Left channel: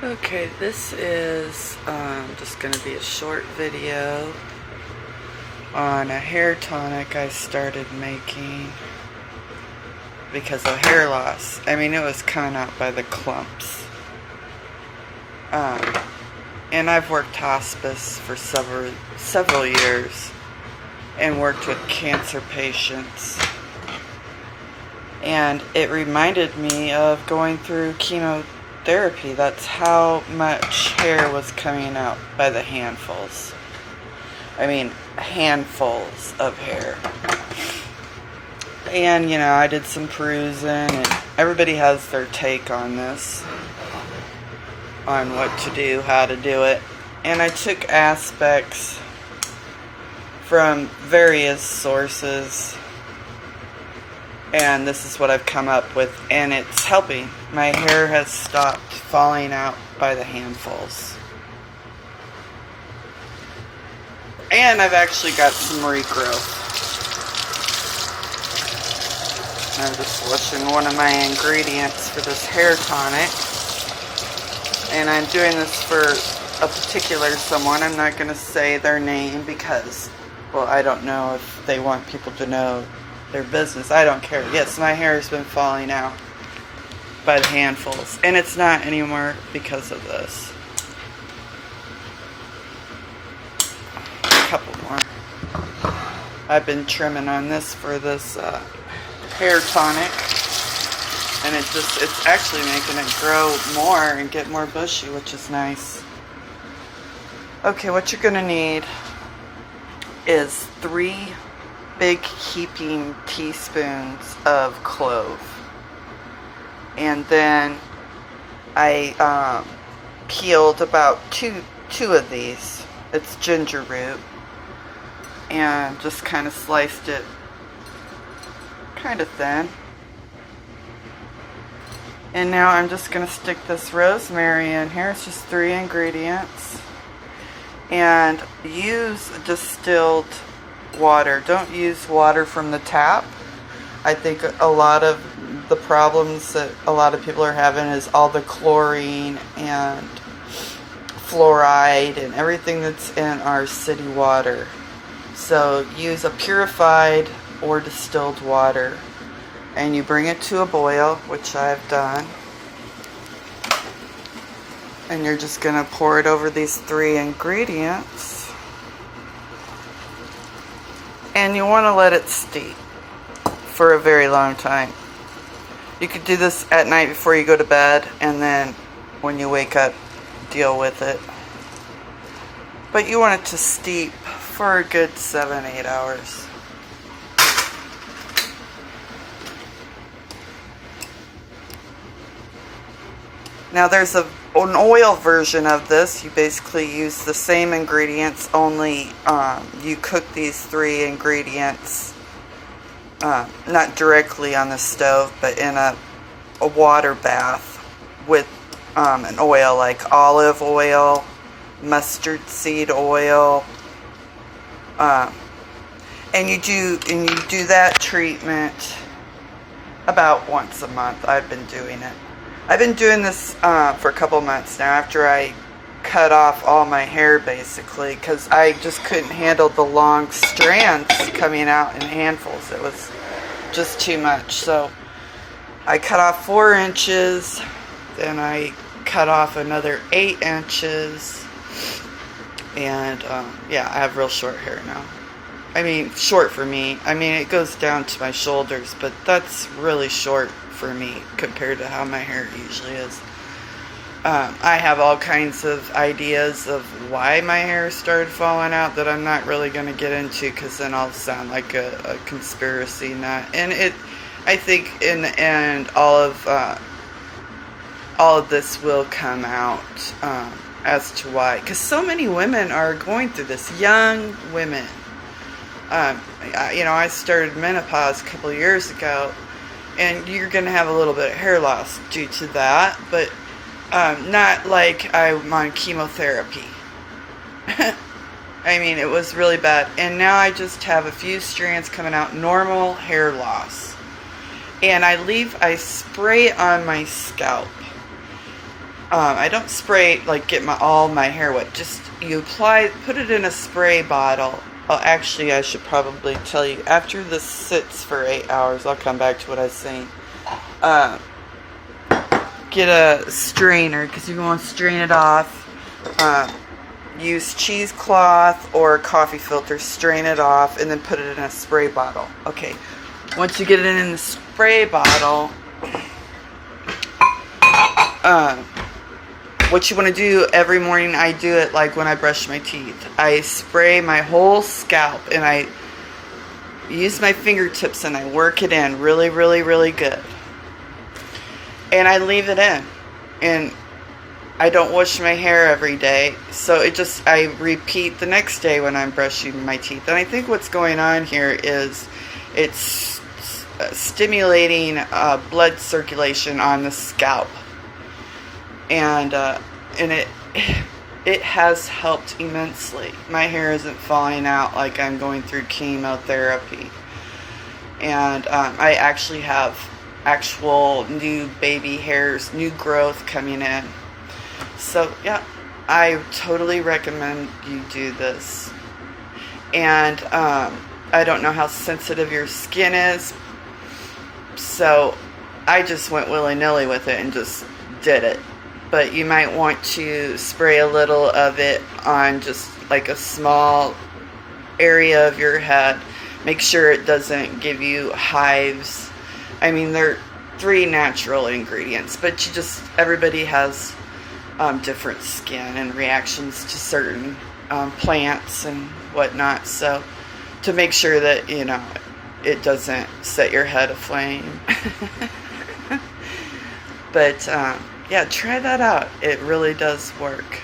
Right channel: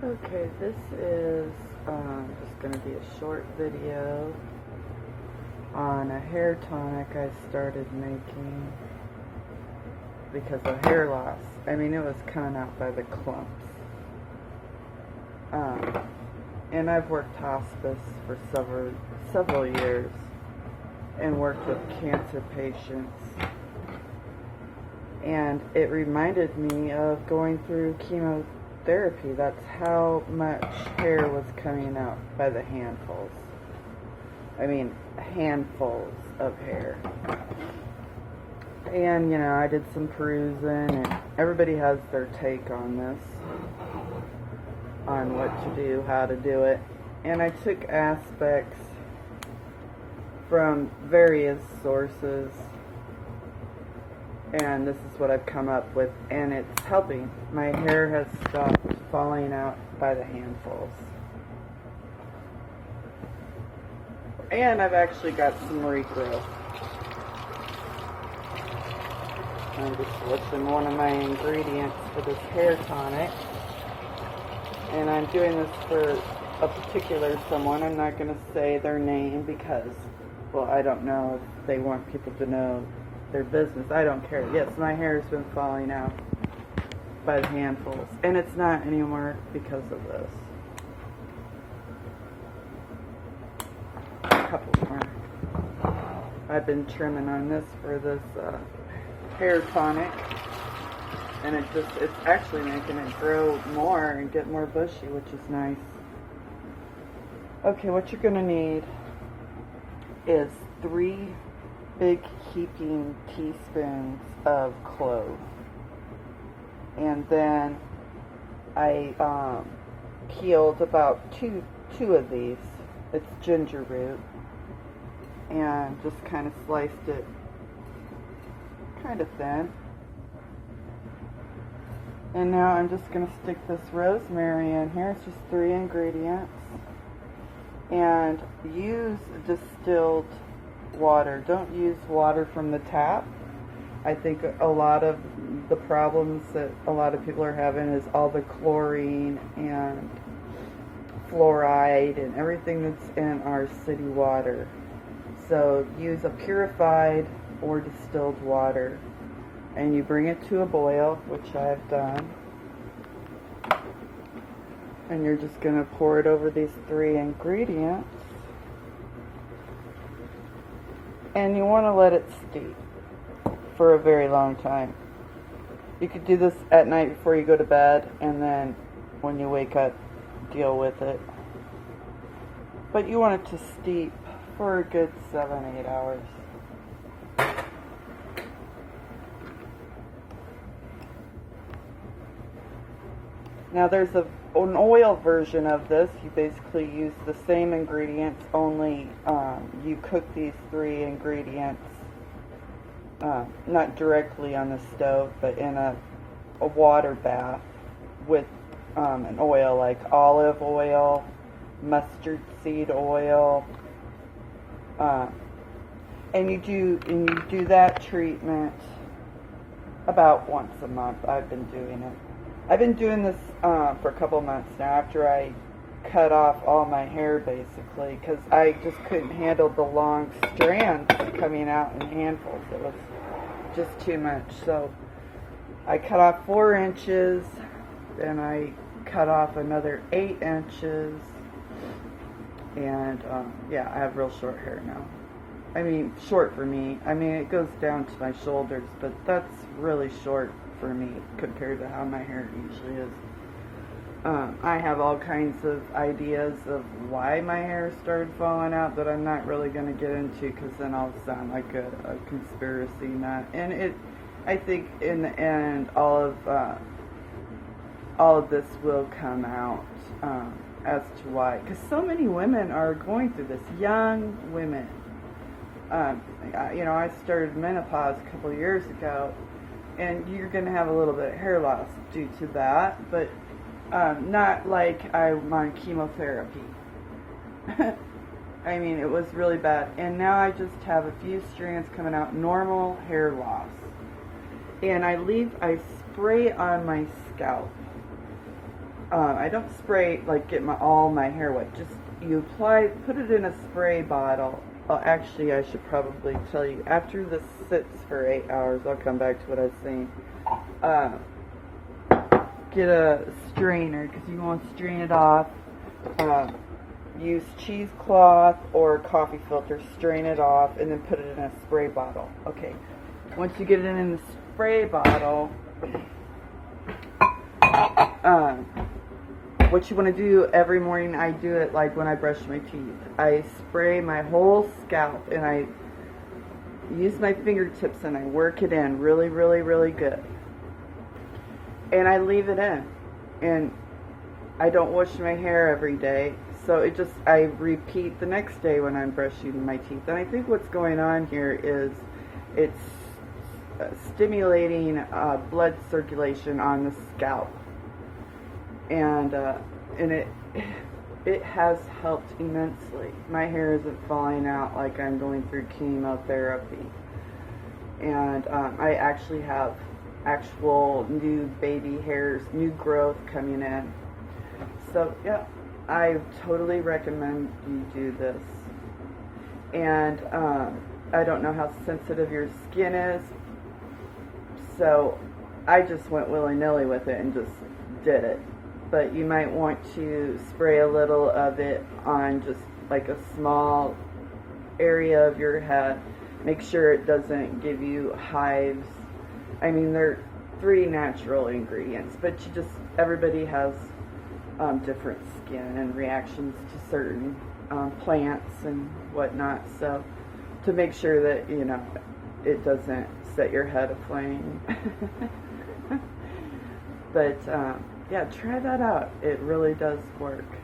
Okay, this is just going to be a short video on a hair tonic I started making because of hair loss. I mean, it was coming out by the clumps. And I've worked hospice for several years and worked with cancer patients. And it reminded me of going through chemotherapy. That's how much hair was coming out by the handfuls. I mean, handfuls of hair. And, I did some perusing, and everybody has their take on this, on what to do, how to do it. And I took aspects from various sources, and this is what I've come up with, and it's helping. My hair has stopped falling out by the handfuls. And I've actually got some regrowth. I'm just switching one of my ingredients for this hair tonic. And I'm doing this for a particular someone. I'm not going to say their name because, well, I don't know if they want people to know their business. I don't care. Yes, my hair has been falling out by the handfuls. And it's not anymore because of this. A couple more. I've been trimming on this for this hair tonic. And it's actually making it grow more and get more bushy, which is nice. Okay, what you're going to need is 3 big heaping teaspoons of clove. And then I peeled about two of these. It's ginger root. And just kind of sliced it kind of thin. And now I'm just going to stick this rosemary in here. It's just 3 ingredients. And use distilled water. Don't use water from the tap. I think a lot of the problems that a lot of people are having is all the chlorine and fluoride and everything that's in our city water. So use a purified or distilled water. And you bring it to a boil, which I've done. And you're just going to pour it over these 3 ingredients. And you want to let it steep for a very long time. You could do this at night before you go to bed, and then when you wake up, deal with it. But you want it to steep for a good 7-8 hours. Now there's an oil version of this. You basically use the same ingredients, only you cook these 3 ingredients not directly on the stove, but in a water bath with an oil like olive oil, mustard seed oil, and you do that treatment about once a month. I've been doing it. I've been doing this for a couple months now after I cut off all my hair basically, because I just couldn't handle the long strands coming out in handfuls. It was just too much. So I cut off 4 inches, then I cut off another 8 inches, and yeah, I have real short hair now. I mean, short for me. I mean, it goes down to my shoulders, but that's really short for me compared to how my hair usually is. I have all kinds of ideas of why my hair started falling out that I'm not really going to get into, because then I'll sound like a conspiracy nut. And I think in the end, all of this will come out as to why. Because so many women are going through this, young women. I started menopause a couple of years ago, and you're going to have a little bit of hair loss due to that, but not like I'm on chemotherapy. I mean, it was really bad. And now I just have a few strands coming out, normal hair loss. And I spray it on my scalp. I don't spray, like get all my hair wet. Just you apply, put it in a spray bottle. Well, actually, I should probably tell you, after this sits for 8 hours, I'll come back to what I was saying. Get a strainer, because you want to strain it off. Use cheesecloth or coffee filter, strain it off, and then put it in a spray bottle. Okay, once you get it in the spray bottle, what you want to do every morning, I do it like when I brush my teeth. I spray my whole scalp, and I use my fingertips, and I work it in really, really, really good. And I leave it in. And I don't wash my hair every day, so I repeat the next day when I'm brushing my teeth. And I think what's going on here is it's stimulating blood circulation on the scalp, and it has helped immensely. My hair isn't falling out like I'm going through chemotherapy, and I actually have actual new baby hairs, new growth coming in. So yeah, I totally recommend you do this. And I don't know how sensitive your skin is, so I just went willy-nilly with it and just did it. But you might want to spray a little of it on just like a small area of your head. Make sure it doesn't give you hives. I mean, they're 3 natural ingredients, but everybody has different skin and reactions to certain plants and whatnot. So to make sure that, it doesn't set your head aflame. But yeah, try that out. It really does work.